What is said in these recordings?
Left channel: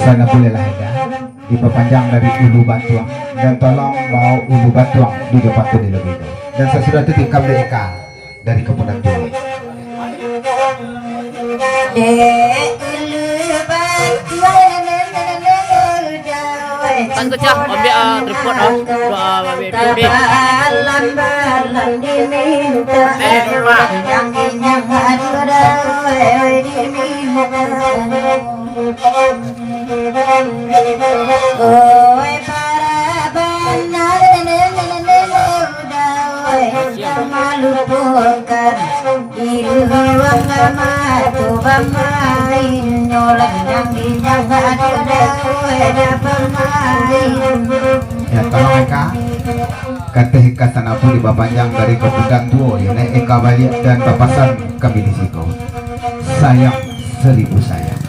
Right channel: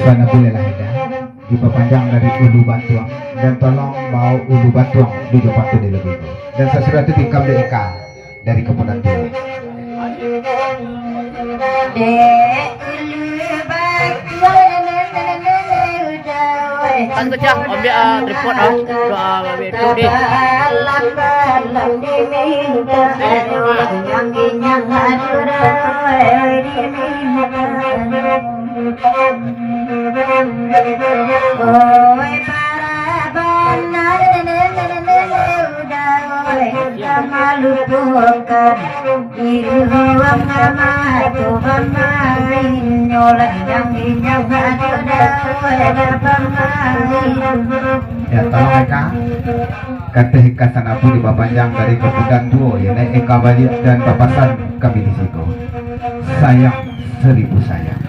Sana boleh lah ya. Diperpanjang dari ulu batuang dan tolong bawa ulu batuang di depan tu lebih dulu. Dan sesudah itu tikam deka dari kemudian dulu. Kan kecah ambil tripod doa babe tu deh. Ya tolong Eka kata Eka sana pun di panjang dari kemudian duo ya naik Eka balik dan papasan kami di situ. Sayang seribu sayang,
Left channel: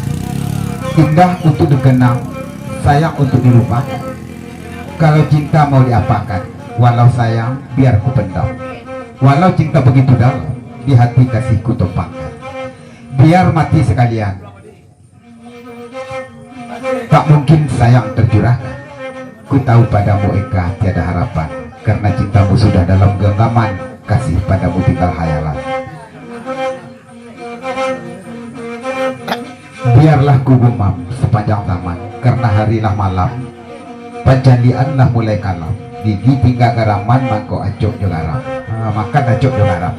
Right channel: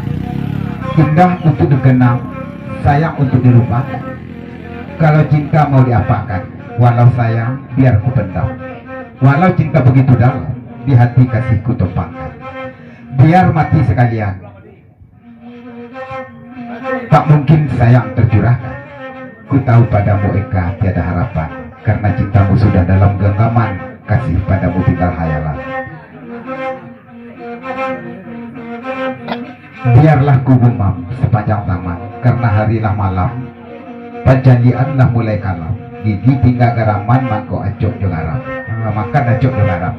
indah untuk dikenang, sayang untuk dilupakan. Kalau cinta mau diapakan, walau sayang biar ku pendam. Walau cinta begitu dalam, di hati kasihku tumpahkan. Biar mati sekalian, tak mungkin sayang tercurahkan. Ku tahu padamu Eka tiada harapan, karena cintamu sudah dalam genggaman, kasih padamu tinggal hayalan. Biarlah ku gumam sepanjang zaman, karena harilah malam, penjanjianlah mulai kalam. Gigi tinggal garaman, mangko acok jo garam. Makan acok jo garam.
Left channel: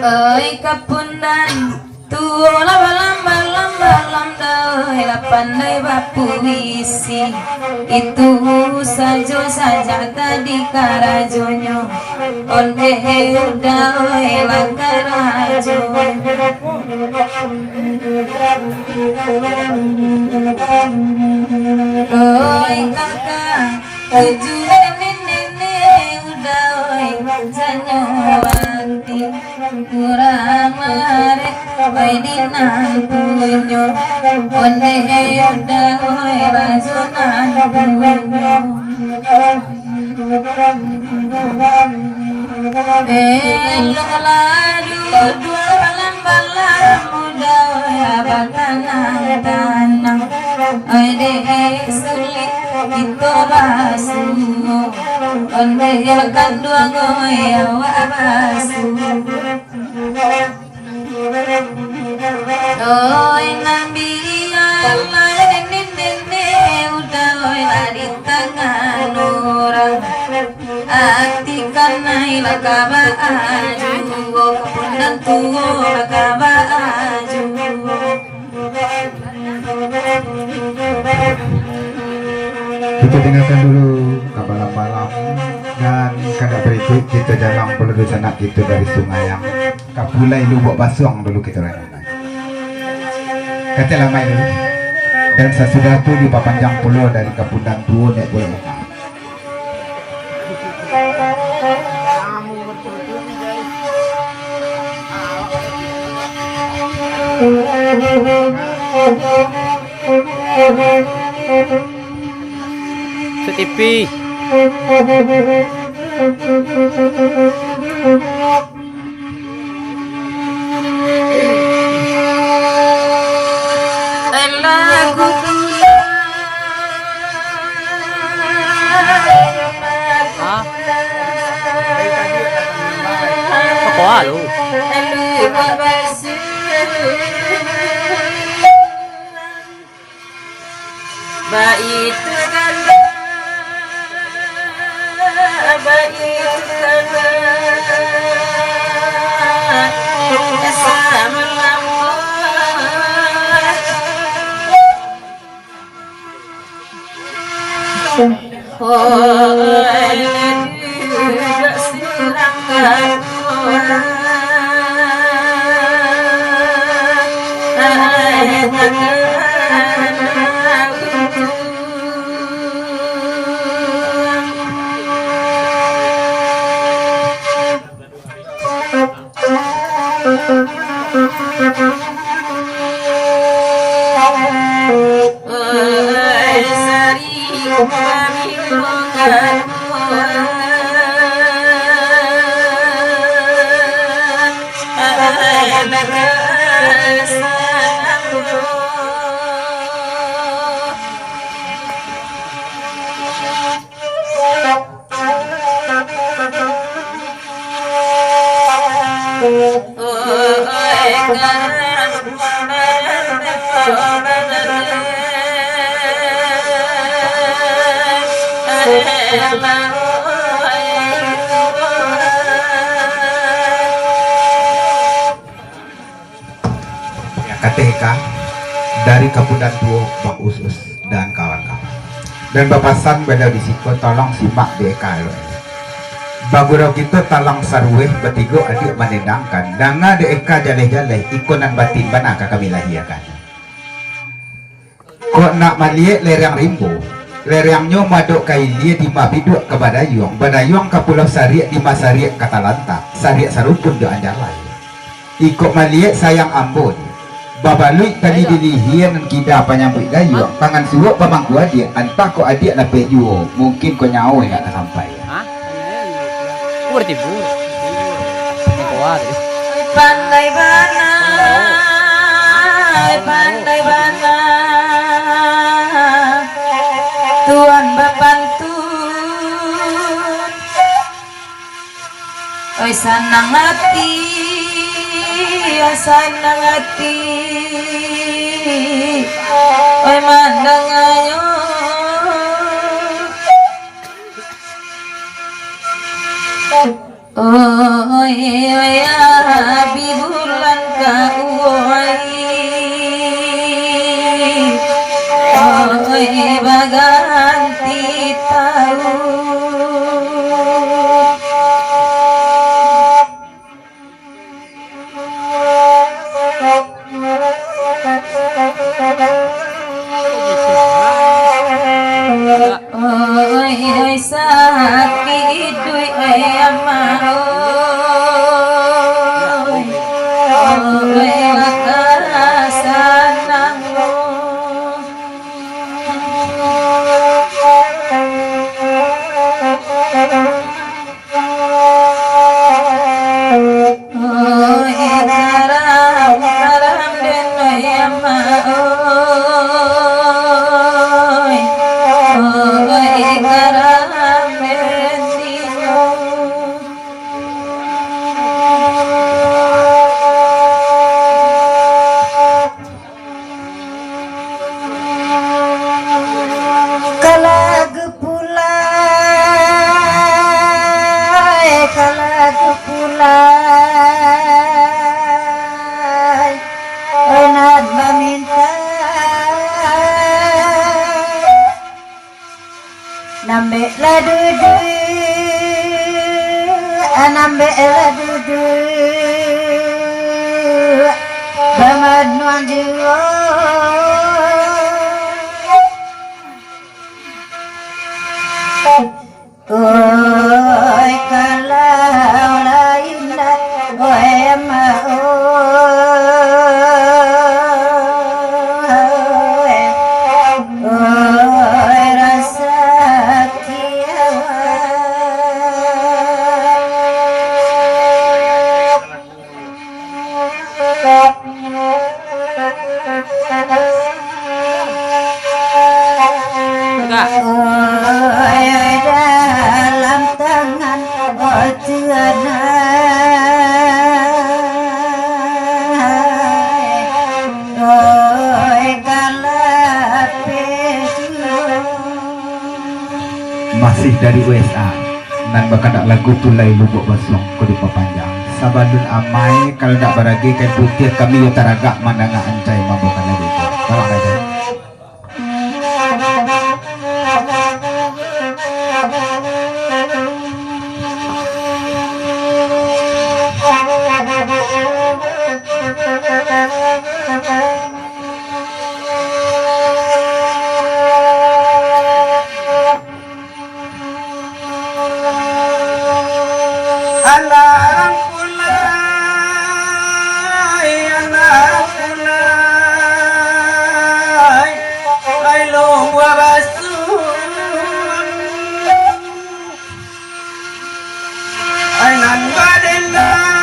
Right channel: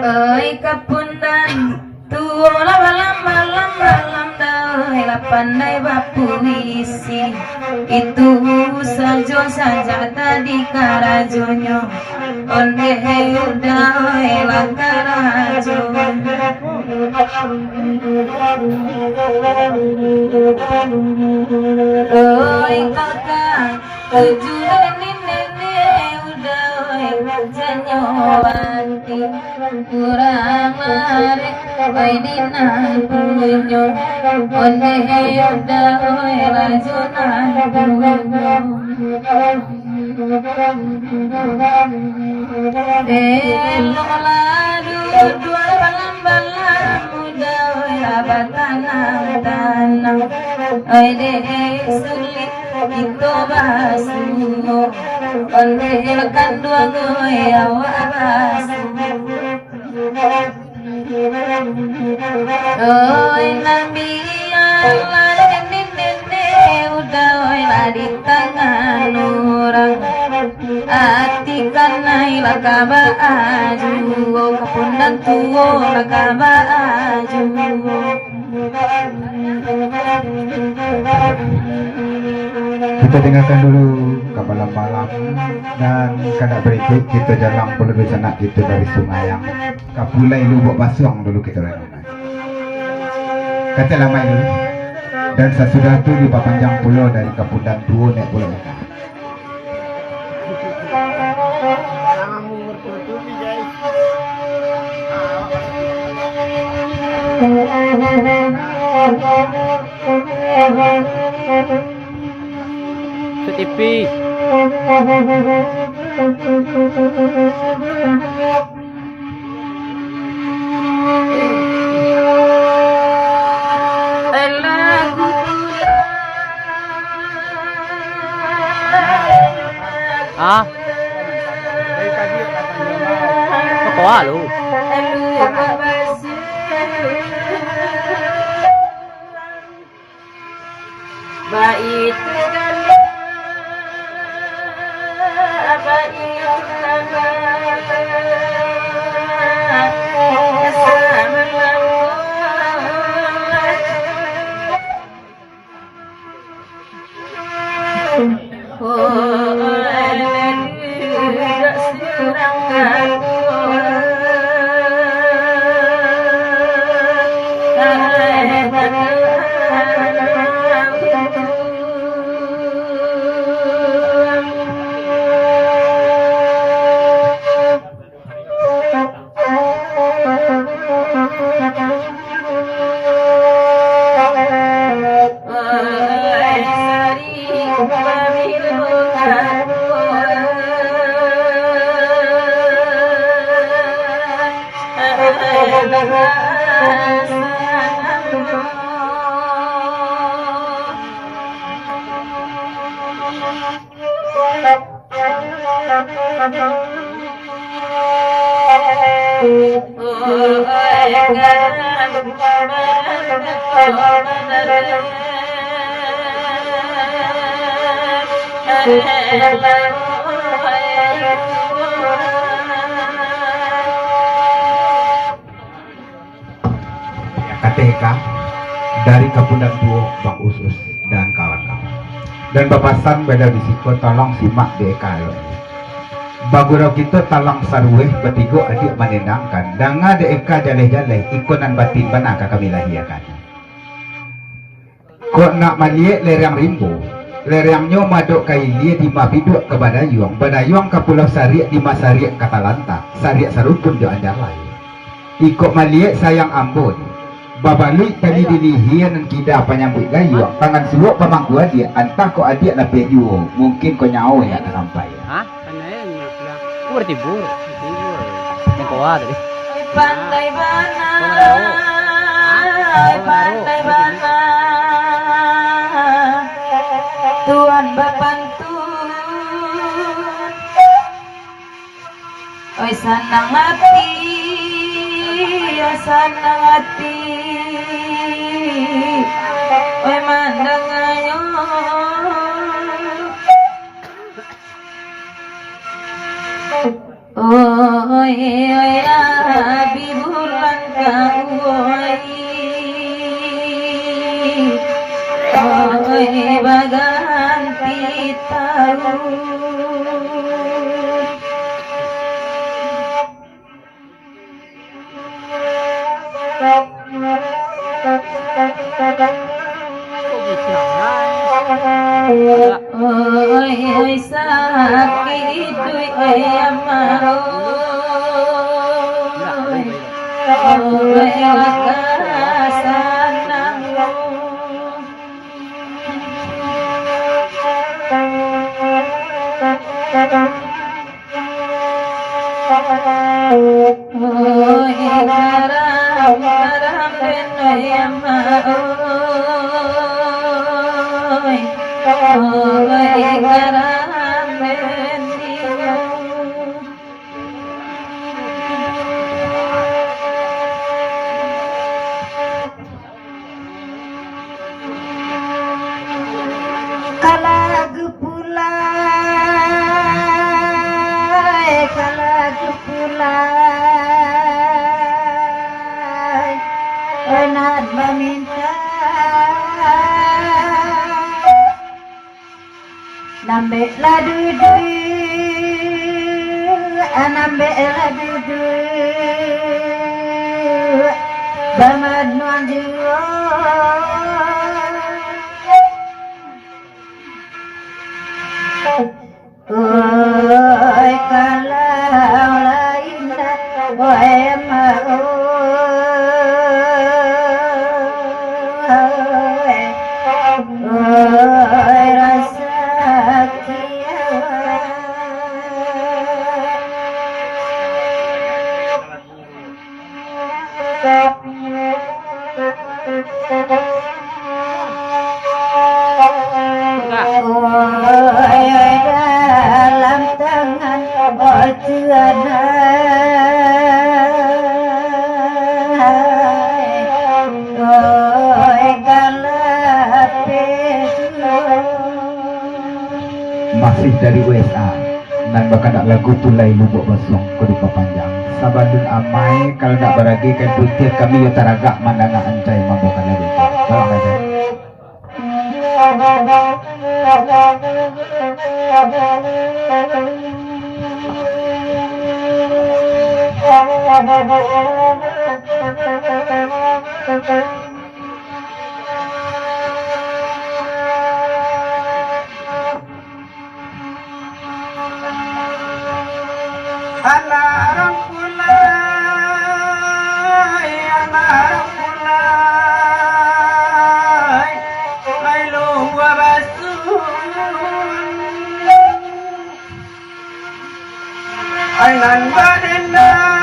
Oi kapundan tuola balam dah pandai bapuisi itu saja tadi karajonyo onde udah elang karajo oi kakak tujuan Janowanti Kuramare Waidinan punyo Onde yuda Rajunan punyo Beloladu Dua balam muda Abatanang tanang Oide sulit Itu basuh Onde yakan dua goya wabasu Oi nabi Allah nene udah oi di tangan orang Ati kana ilakaba aju Kepundan tuwo lakaba aju Kita tinggalkan dulu ke malam-malam dan karena berikut kita jalan peluru sanak kita dari sungai yang kapulai lubuk basuang dulu kita renungkan. Kata lamai dulu dan sesudah itu di panjang pulau dari Kapundan Tuo naik boleh makan. Setipi ah kok lu bait kana bait kana KTK dari Kapudan Duo Bang Usus dan kawan-kawan dan papasan beda di situ tolong simak DK bagurau kita talang sarweh betigo adik menendangkan danga DK jaleh-jaleh ikonan batin bana kami lahiakan kok nak maliek lerang rimbo lerangnya madok kailia di mabiduk ke Badayuang ke Pulau Sariak di Masariak Katalanta Sariak Sarukun do Anjalai ikut maliek sayang Ambon babalui tadi dilihian dan kita penyambut gayu tangan suwak pemangku dia antah kok adik lah pejuo mungkin kau nyawa enggak sampai hah berarti bu yang kuat tadi pandai bana pandai bana Tuan bapantun oi sanang hati ya sanang hati oi mandang ayo oi oi abi bulan kauai oi baganti tahun oi oi sakit dui ama oi lakasanang oi karam karam den oi ama oi karam den dino kalag pulai enak meminta nambe la dudu nambe la dudu baman nonjuo oi kalau lain oi ma oi rasa dalam tangan Tuhan galat peju masih dari USA nan bakadak lagu tulai lubuk basong ko di papanjang sabadun amai kalau nak baragi kain putih kami yutaragak mandanga ancai mabukan lagi itu tolong aja. Alarang kulay, alarang kulay, ay luwa basun, ay nan badenang,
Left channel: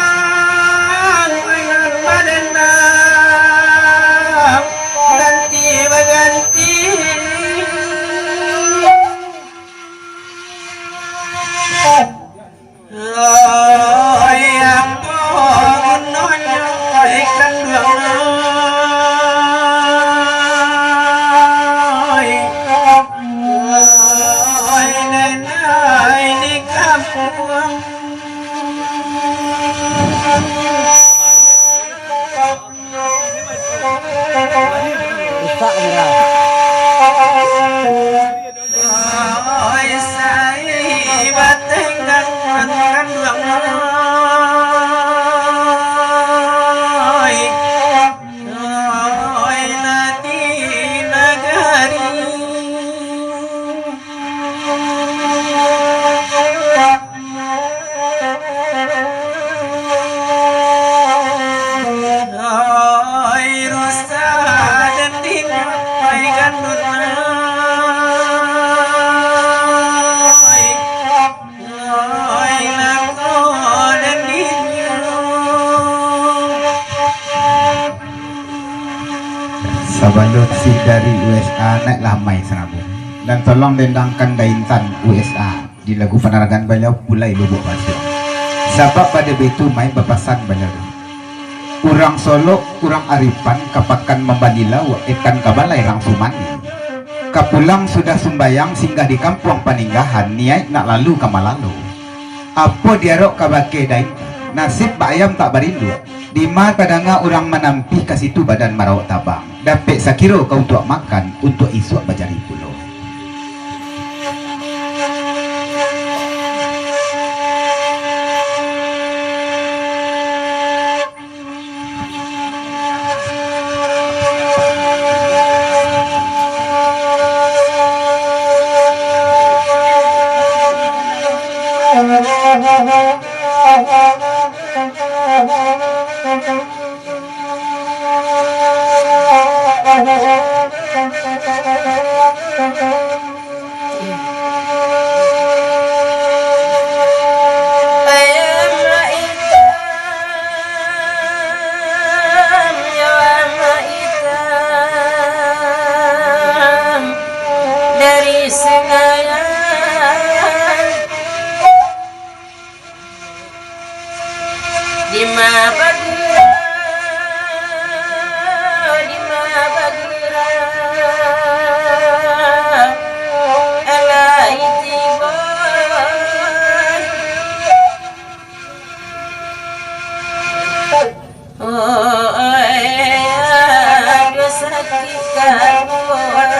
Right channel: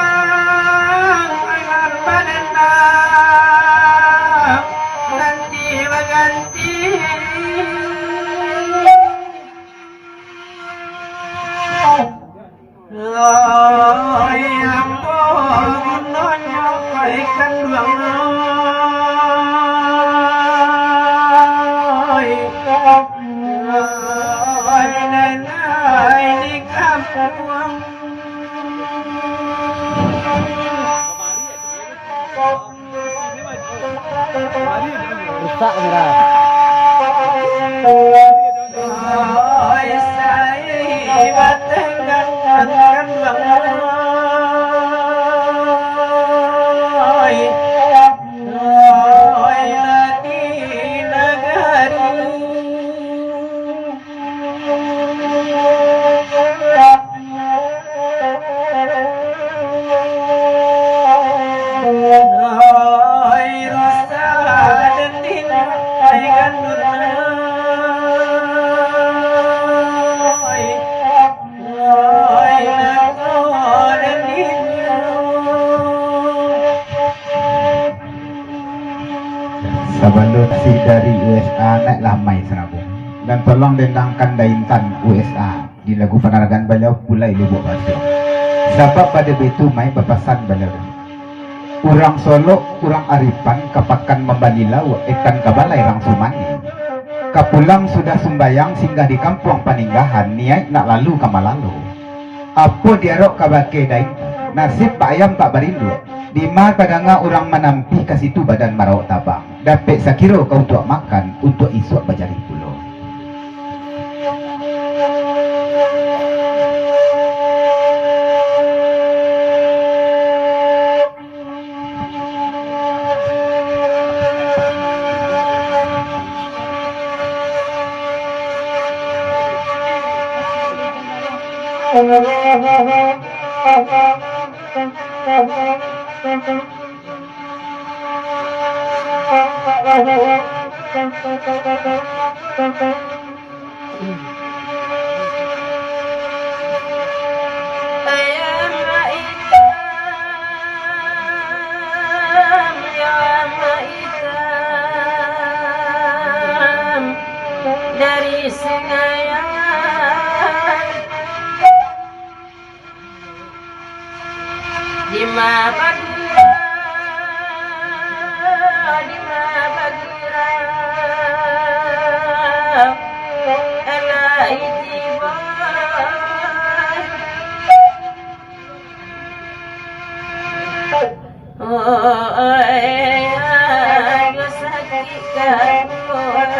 ganti baganti. Yang gunanya ikan nenai di kampung. Rusak kamera. Saya bateng dan kan Sabalut si dari USA naiklah mai serabung dan tolong dendangkan daintan USA di lagu penerangan beliau pulai lubuk basah sebab pada betu mai berpasan beliau urang Solo urang Aripan kapakan membanilau ikan kabalai rang sumani kapulang sudah sumbayang singgah di kampung paninggahan niat nak lalu kamalalu apa diarok kabake daintan nasib bayam tak berindu di mana kadanga orang menampi ke situ badan marawak tabang dapat sakiro kau untuk makan untuk isuk bajari pulau. Dari Senayan di Madura, di Madura, alai tiba, oh ada sakit kabuan.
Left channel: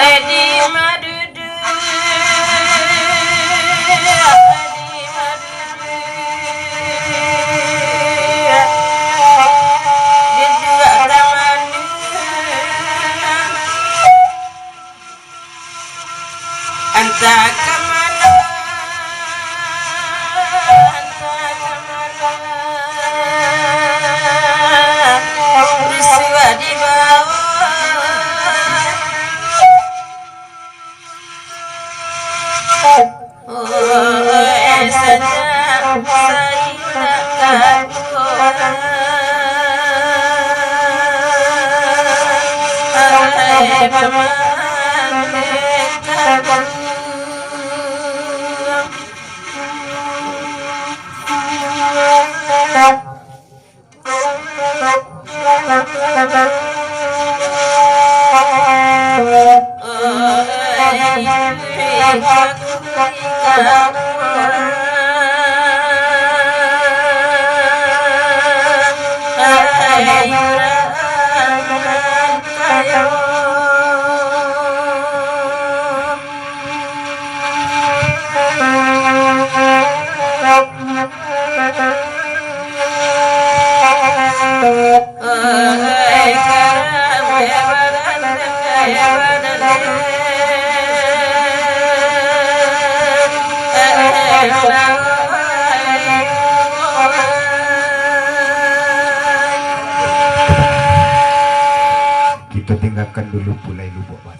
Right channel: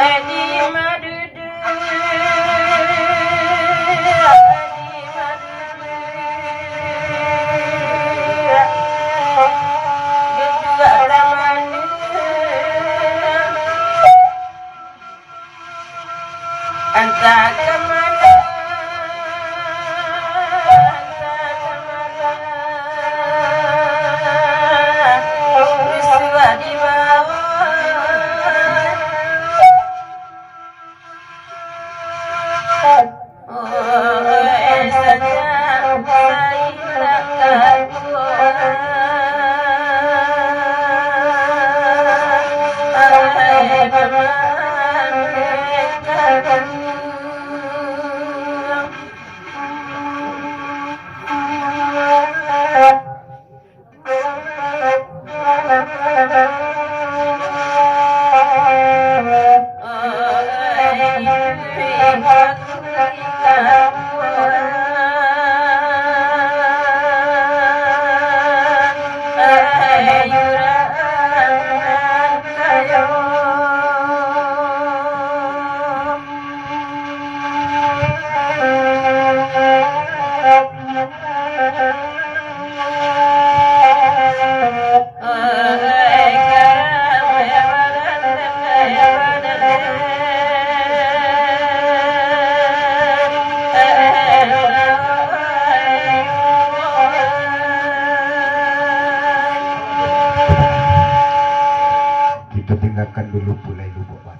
Adi madudu, anta kemana, peristiwa di bawah. Oh, sedang saya Kita tinggalkan dulu Pulai Lubuk Batu.